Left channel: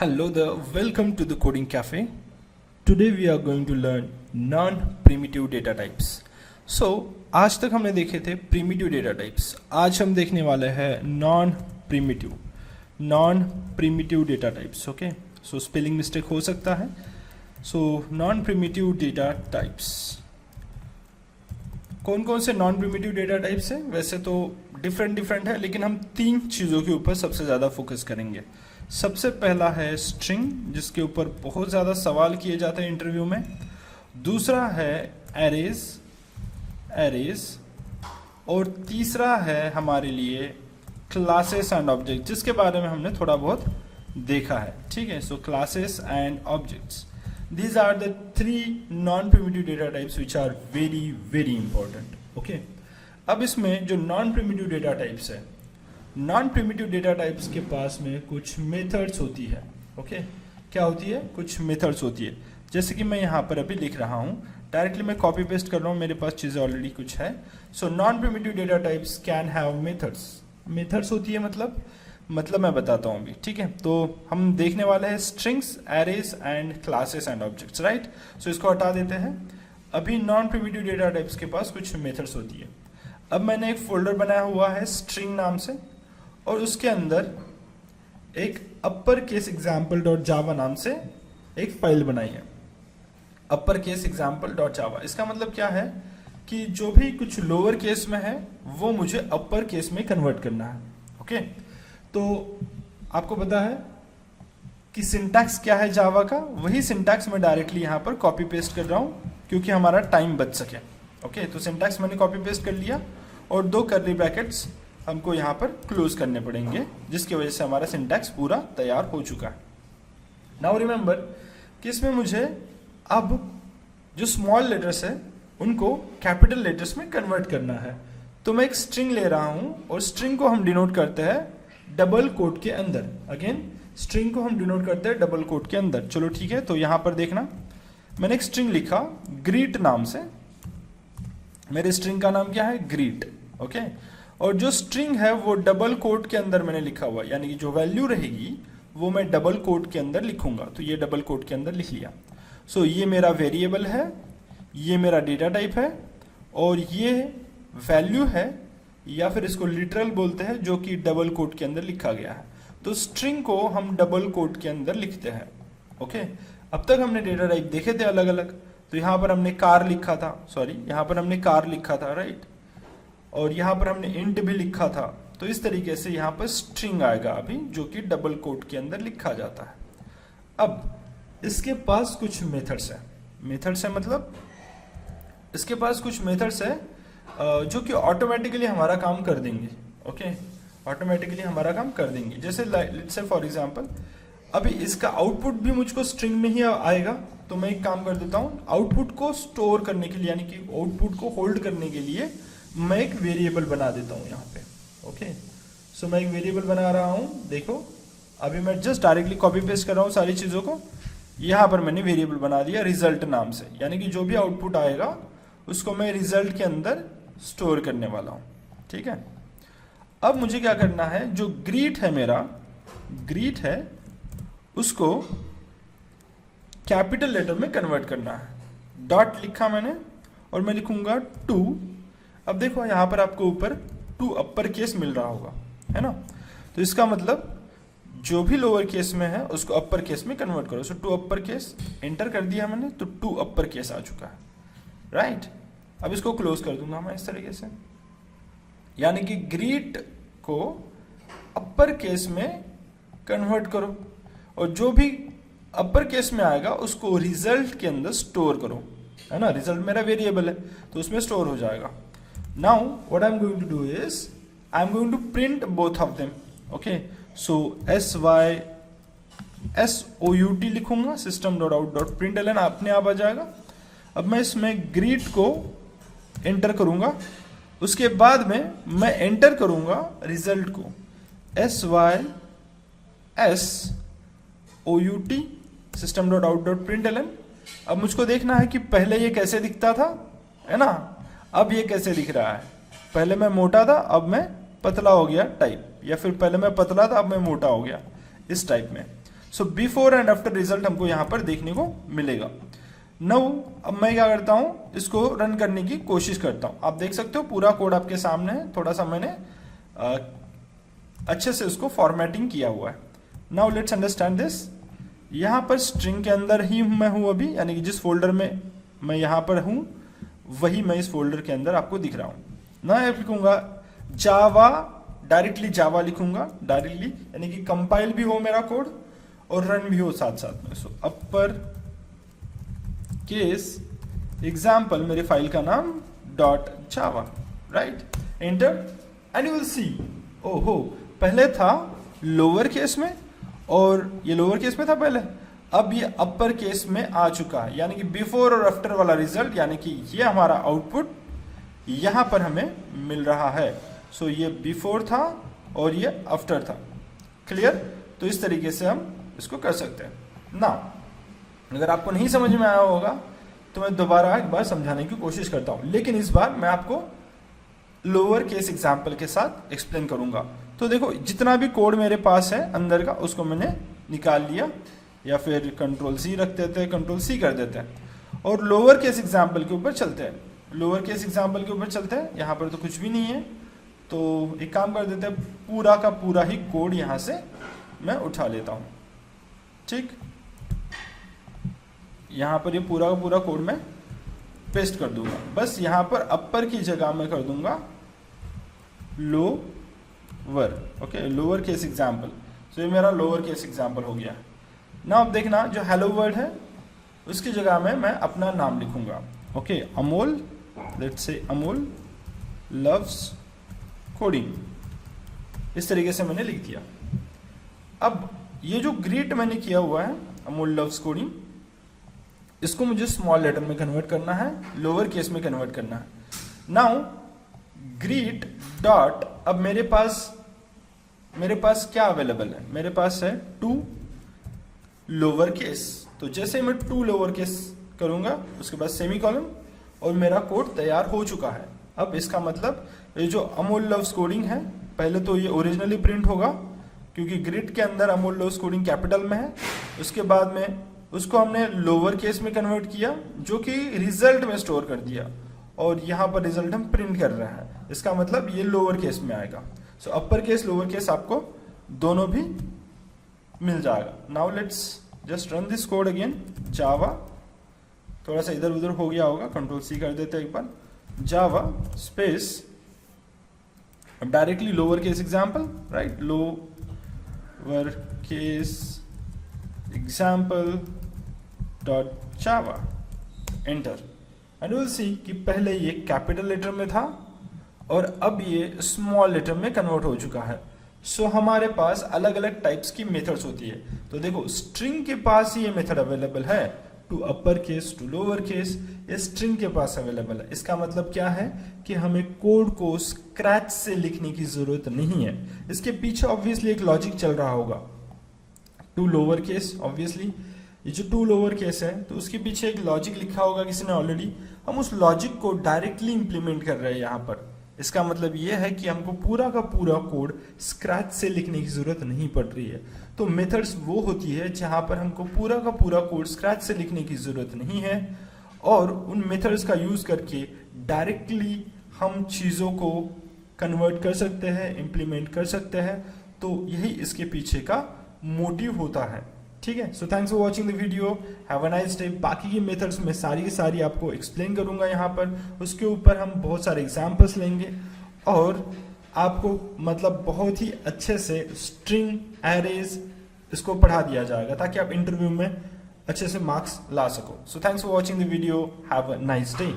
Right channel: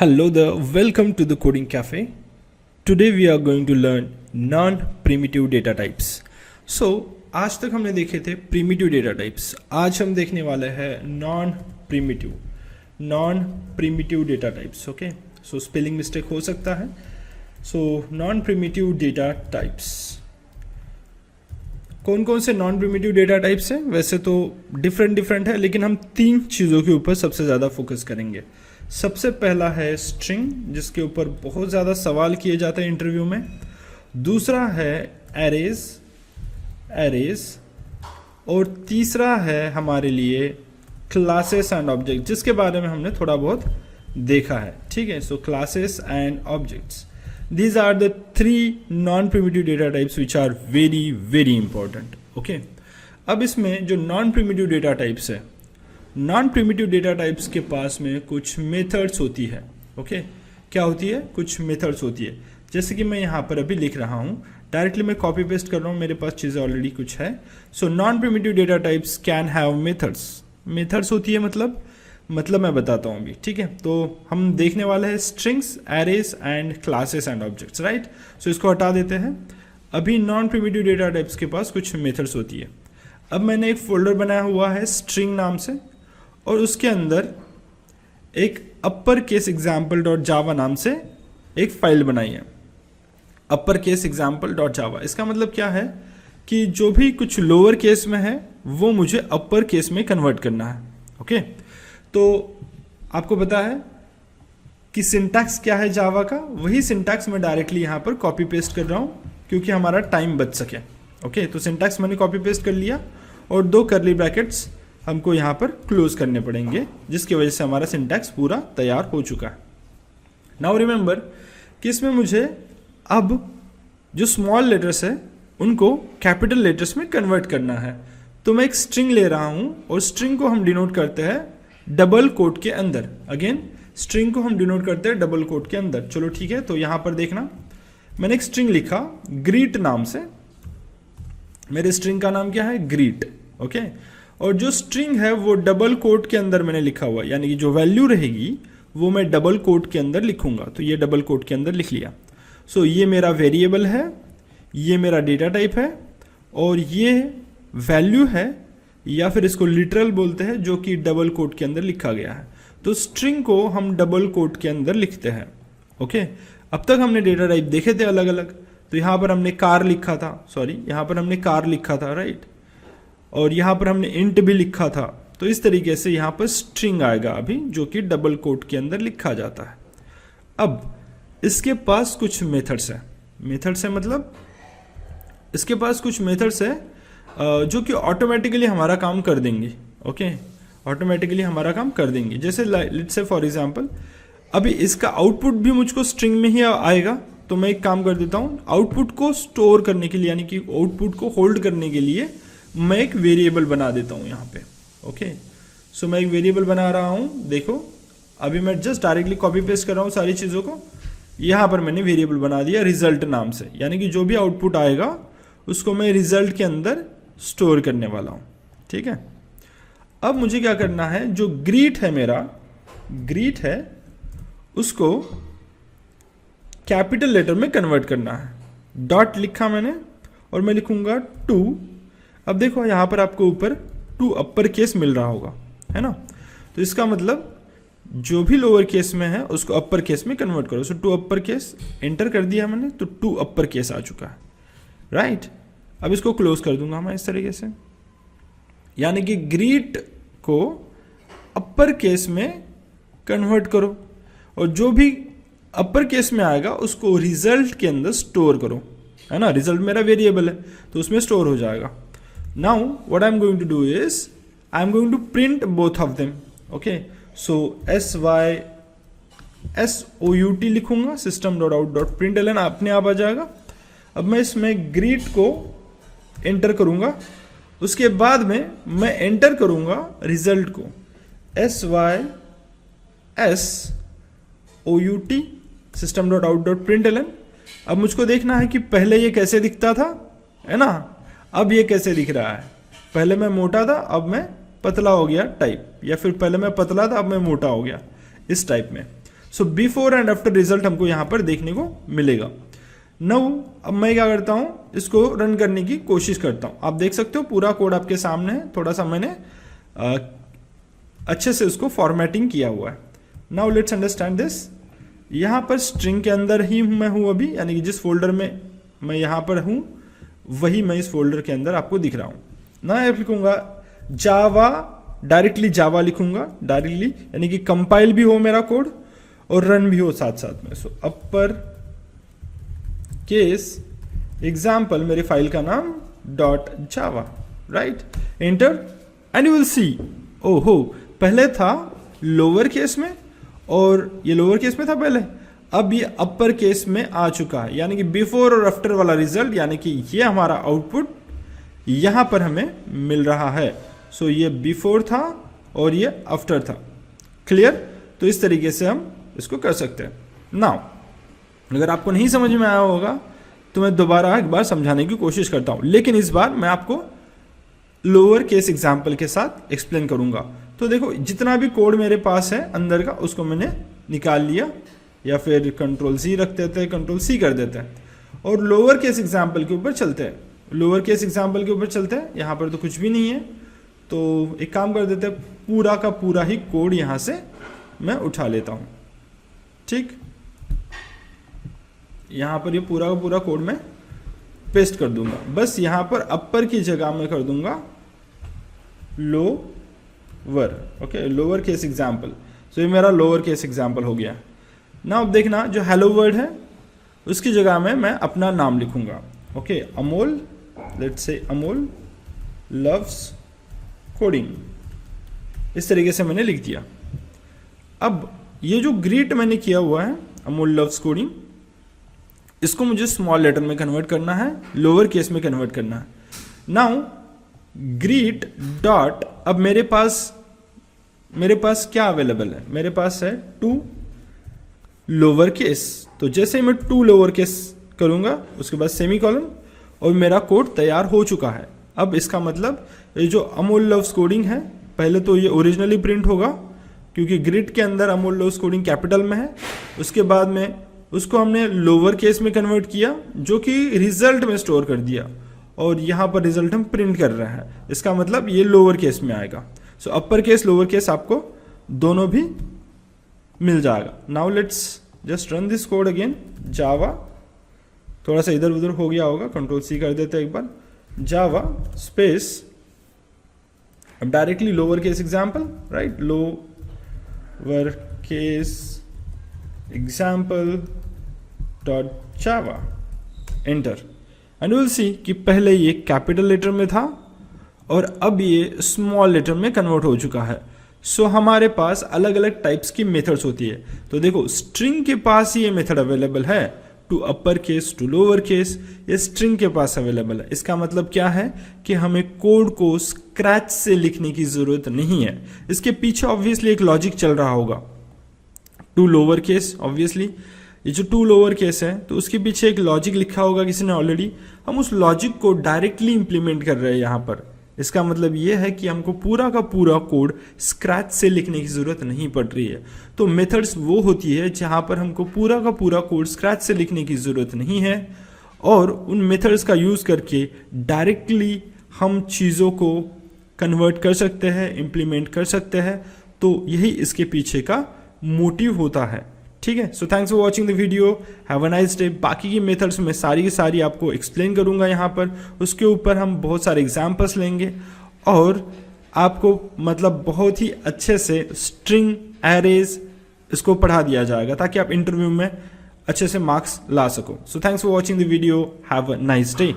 Hello there, welcome to the Coding Cafe. Today we are going to learn non-primitive data types. So आज तक हमने देखे थे primitive data types. आज हम देखने वाले हैं non-primitive data types. Okay, so spelling mistake हो सकता है. So non-primitive data types. कौन कौन से नॉन प्रिमिटिव डेटा टाइप्स हैं? वैसे तो डिफरेंट है, लेकिन हम तीन चीज़ों के ऊपर सबसे ज़्यादा फोकस करेंगे. सबसे पहला है स्ट्रिंग, जिसके ऊपर बहुत ज़्यादा सवाल किए जाते हैं इंटरव्यू में. दूसरा है एरेज और तीसरा है हमारे लिए क्लासेस एंड ऑब्जेक्ट, जिसके बारे में हमने थोड़ा बहुत देखा है. ठीक है, so classes and objects, these are the three non-primitive data types which are very important. Okay, अब इसमें जो non-primitive data types है, non-primitive data types के पास में कुछ methods होती है. Okay, क्या होती है? कुछ methods होती है. जैसे कि मैं यहाँ पर अभी लिख रहा हूँ, डायरेक्टली मैं कॉपी पेस्ट कर रहा हूँ, मेरे पास चीज़ें ऑलरेडी कुछ है. सो non-primitive data types can have methods. methods होती है मतलब मैं बताता हूँ अभी. ठीक है, तो हम देखने वाले हैं strings, arrays and classes and objects. Right, so इसको हटा देते हैं. अभी नॉन प्रिमिटिव डेटा टाइप्स के पास कुछ मेथड्स होती है. अब मैंने एक फोल्डर बनाया हुआ है स्ट्रिंग नाम से, और उसके अंदर एक अपर केस एग्जाम्पल डॉट जावा नाम से एक फाइल बनाई है. अपर केस एग्जाम्पल डॉट जावा, इसका मतलब क्या है कि जो भी कुछ लोअर केस में है वो मुझे अपर केस में कन्वर्ट करना है. ओके, तो आपको पता है कि सिंटैक्स क्या है जावा का, वही सिंटैक्स मैं डायरेक्टली यहाँ पर कॉपी पेस्ट कर रहा हूँ क्योंकि हमारा टाइम बच सके. ओके, तो सिंटैक्स मैंने कॉपी पेस्ट कर लिया और दो कर्ली ब्रैकेट्स हमको यहाँ पर क्लोज करने पड़ेंगे, जिसकी वजह से हमारा सिंटैक्स पूरा तैयार हो चुका है. नाउ रिमेंबर कि इसमें मुझे अब जो स्मॉल लेटर्स है उनको कैपिटल लेटर्स में कन्वर्ट करना है. तो मैं एक स्ट्रिंग ले रहा हूँ और स्ट्रिंग को हम डिनोट करते हैं डबल कोट के अंदर. अगेन स्ट्रिंग को हम डिनोट करते हैं डबल कोट के अंदर. चलो ठीक है, तो यहां पर देखना, मैंने एक स्ट्रिंग लिखा ग्रीट नाम से. मेरे स्ट्रिंग का नाम क्या है? ग्रीट. ओके, और जो स्ट्रिंग है वो डबल कोट के अंदर मैंने लिखा हुआ, यानी कि जो वैल्यू रहेगी वो मैं डबल कोट के अंदर लिखूंगा. तो ये डबल कोट के अंदर लिख लिया. सो ये मेरा वेरिएबल है, ये मेरा डेटा टाइप है, और ये वैल्यू है, या फिर इसको लिटरल बोलते हैं, जो कि डबल कोट के अंदर लिखा गया है. तो स्ट्रिंग को हम डबल कोट के अंदर लिखते हैं. ओके, अब तक हमने डेटा टाइप देखे थे अलग अलग. तो यहाँ पर हमने कार लिखा था, यहाँ पर हमने कार लिखा था, राइट, और यहाँ पर हमने इंट भी लिखा था. तो इस तरीके से यहाँ पर स्ट्रिंग आएगा अभी, जो कि डबल कोट के अंदर लिखा जाता है. अब इसके पास कुछ मेथड्स है. मतलब इसके पास कुछ मेथड्स है जो कि ऑटोमेटिकली हमारा काम कर देंगे. ओके, ऑटोमेटिकली हमारा काम कर देंगे. जैसे लेट्स से फॉर एग्जांपल, अभी इसका आउटपुट भी मुझको स्ट्रिंग में ही आएगा. तो मैं एक काम कर देता हूँ, आउटपुट को स्टोर करने के लिए, यानी कि आउटपुट को होल्ड करने के लिए मैं एक वेरिएबल बना देता हूँ यहाँ पे. ओके, सो मैं एक वेरिएबल बना रहा हूँ. देखो, अभी मैं जस्ट डायरेक्टली कॉपी पेस्ट कर रहा हूँ सारी चीज़ों को. यहाँ पर मैंने वेरिएबल बना दिया रिजल्ट नाम से, यानी कि जो भी आउटपुट आएगा उसको मैं रिजल्ट के अंदर स्टोर करने वाला हूं. ठीक है, अब मुझे क्या करना है, जो ग्रीट है, मेरा ग्रीट है, उसको कैपिटल लेटर में कन्वर्ट करना है. डॉट लिखा मैंने और मैं लिखूंगा 2. अब देखो यहां पर आपको ऊपर 2 अपर केस मिल रहा होगा, है ना. तो इसका मतलब जो भी लोअर केस में है उसको अपर केस में कन्वर्ट करो. सो 2 अपर केस एंटर कर दिया मैंने, तो 2 अपर केस आ चुका है. राइट, अब इसको क्लोज कर दूंगा मैं इस तरीके से, यानी कि ग्रीट को अपर केस में कन्वर्ट करो, और जो भी अपर केस में आएगा उसको रिजल्ट के अंदर स्टोर करो, है ना. रिजल्ट मेरा वेरिएबल है तो उसमें स्टोर हो जाएगा. Now what I am going to do is I am going to print both of them. Okay, so SYSOUT लिखूंगा, system.out.println अपने आप आ जाएगा. अब मैं इसमें ग्रीट को एंटर करूंगा, उसके बाद में मैं एंटर करूंगा रिजल्ट को SYSOUT system.out.println. अब मुझको देखना है कि पहले ये कैसे दिखता था, है ना, अब ये कैसे दिख रहा है. पहले मैं मोटा था, अब मैं पतला हो गया टाइप, या फिर पहले मैं पतला था, अब मैं मोटा हो गया, इस टाइप में. So before and after result हमको यहाँ पर देखने को मिलेगा। नाउ अब मैं क्या करता हूँ, इसको रन करने की कोशिश करता हूँ। आप देख सकते हो पूरा कोड आपके सामने है, थोड़ा सा मैंने अच्छे से उसको फॉर्मेटिंग किया हुआ है। Now let's understand this. यहाँ पर स्ट्रिंग के अंदर ही मैं हूँ अभी, यानी कि जिस फोल्डर में मैं यहाँ पर हूँ वही मैं इस फोल्डर के अंदर आपको दिख रहा हूँ ना। मैं लिखूंगा जावा, डायरेक्टली जावा लिखूंगा डायरेक्टली, यानी कि कंपाइल भी हो मेरा कोड और रन भी हो साथ साथ में। सो अपर केस एग्जाम्पल, मेरी फाइल का नाम .java, right, enter and you will see, ओहो पहले था लोअर केस में और ये लोअर केस में था पहले, अब ये अपर केस में आ चुका है, यानी कि बिफोर और आफ्टर वाला रिजल्ट, यानी कि ये हमारा आउटपुट यहाँ पर हमें मिल रहा है। सो ये बिफोर था और ये आफ्टर था। क्लियर? तो इस तरीके से हम इसको कर सकते हैं। नाउ अगर आपको नहीं समझ में आया होगा तो मैं दोबारा एक बार समझाने की कोशिश करता हूँ, लेकिन इस बार मैं आपको लोअर केस एग्जाम्पल के साथ एक्सप्लेन करूंगा। तो देखो जितना भी कोड मेरे पास है अंदर का, उसको मैंने निकाल लिया, या फिर कंट्रोल सी रख देते हैं, कंट्रोल सी कर देते हैं, और लोअर केस एग्जाम्पल के ऊपर चलते हैं। लोअर केस एग्जाम्पल के ऊपर चलते हैं। यहाँ पर तो कुछ भी नहीं है, तो एक काम कर देते हैं, पूरा का पूरा ही कोड यहाँ से मैं उठा लेता हूँ। ठीक, यहाँ पर ये पूरा का पूरा कोड मैं पेस्ट कर दूंगा। बस यहाँ पर अपर की जगह मैं कर दूंगा lower. Okay, lower case example. तो ये मेरा लोअर केस एग्जाम्पल हो गया। ना अब देखना, जो हेलो वर्ड है उसकी जगह में मैं अपना नाम लिखूंगा। Okay, Amol, let's say Amol loves coding, इस तरीके से मैंने लिख दिया। अब ये जो ग्रीट मैंने किया हुआ है अमोल लव्स कोडिंग, इसको मुझे स्मॉल लेटर में कन्वर्ट करना है, लोअर केस में कन्वर्ट करना है। नाउ ग्रीट डॉट, अब मेरे पास क्या अवेलेबल है, मेरे पास है टू लोअर केस। तो जैसे ही मैं टू लोअर केस करूंगा उसके बाद सेमी कॉलन, और मेरा कोड तैयार हो चुका है। अब इसका मतलब ये जो अमोल लव्स कोडिंग है, पहले तो ये ओरिजिनली प्रिंट होगा क्योंकि ग्रिड के अंदर अमोल लव्स कोडिंग कैपिटल में है। उसके बाद में उसको हमने लोअर केस में कन्वर्ट किया, जो कि रिजल्ट में स्टोर कर दिया, और यहाँ पर रिजल्ट हम प्रिंट कर रहे हैं। इसका मतलब ये लोअर केस में आएगा। So upper case lower case आपको दोनों भी मिल जाएगा। Now let's just run this code again. Java, थोड़ा सा इधर उधर हो गया होगा, कंट्रोल सी कर देते हैं एक बार। जावा स्पेस, अब directly lower case example, right, lower case example dot Java, enter and will see कि पहले ये कैपिटल लेटर में था और अब ये स्मॉल लेटर में कन्वर्ट हो चुका है। सो हमारे पास अलग अलग टाइप्स की मेथड्स होती है। तो देखो स्ट्रिंग के पास ये मेथड अवेलेबल है, to upper case to lower case, ये स्ट्रिंग के पास अवेलेबल है। इसका मतलब क्या है कि हमें कोड को स्क्रैच से लिखने की जरूरत नहीं है। इसके पीछे ऑब्वियसली एक लॉजिक चल रहा होगा। टू लोअर केस, ऑब्वियसली ये जो टू लोअर केस है तो उसके पीछे एक लॉजिक लिखा होगा किसी ने ऑलरेडी, हम उस लॉजिक को डायरेक्टली इंप्लीमेंट कर रहे हैं यहाँ पर। इसका मतलब ये है कि हमको पूरा का पूरा कोड स्क्रैच से लिखने की जरूरत नहीं पड़ रही है। तो मेथड्स वो होती है जहाँ पर हमको पूरा का पूरा कोड स्क्रैच से लिखने की जरूरत नहीं है, और उन मेथड्स का यूज करके डायरेक्टली हम चीज़ों को कन्वर्ट कर सकते हैं, इम्प्लीमेंट कर सकते हैं। तो यही इसके पीछे का मोटिव होता है। ठीक है, so thanks for watching the video, have a nice day. बाकी की मेथड्स में सारी की सारी आपको एक्सप्लेन करूंगा यहाँ पर, उसके ऊपर हम बहुत सारे एग्जाम्पल्स लेंगे और आपको मतलब बहुत ही अच्छे से स्ट्रिंग एरेज इसको पढ़ा दिया जाएगा ताकि आप इंटरव्यू में अच्छे से मार्क्स ला सको। So thanks for watching the video, have a nice day.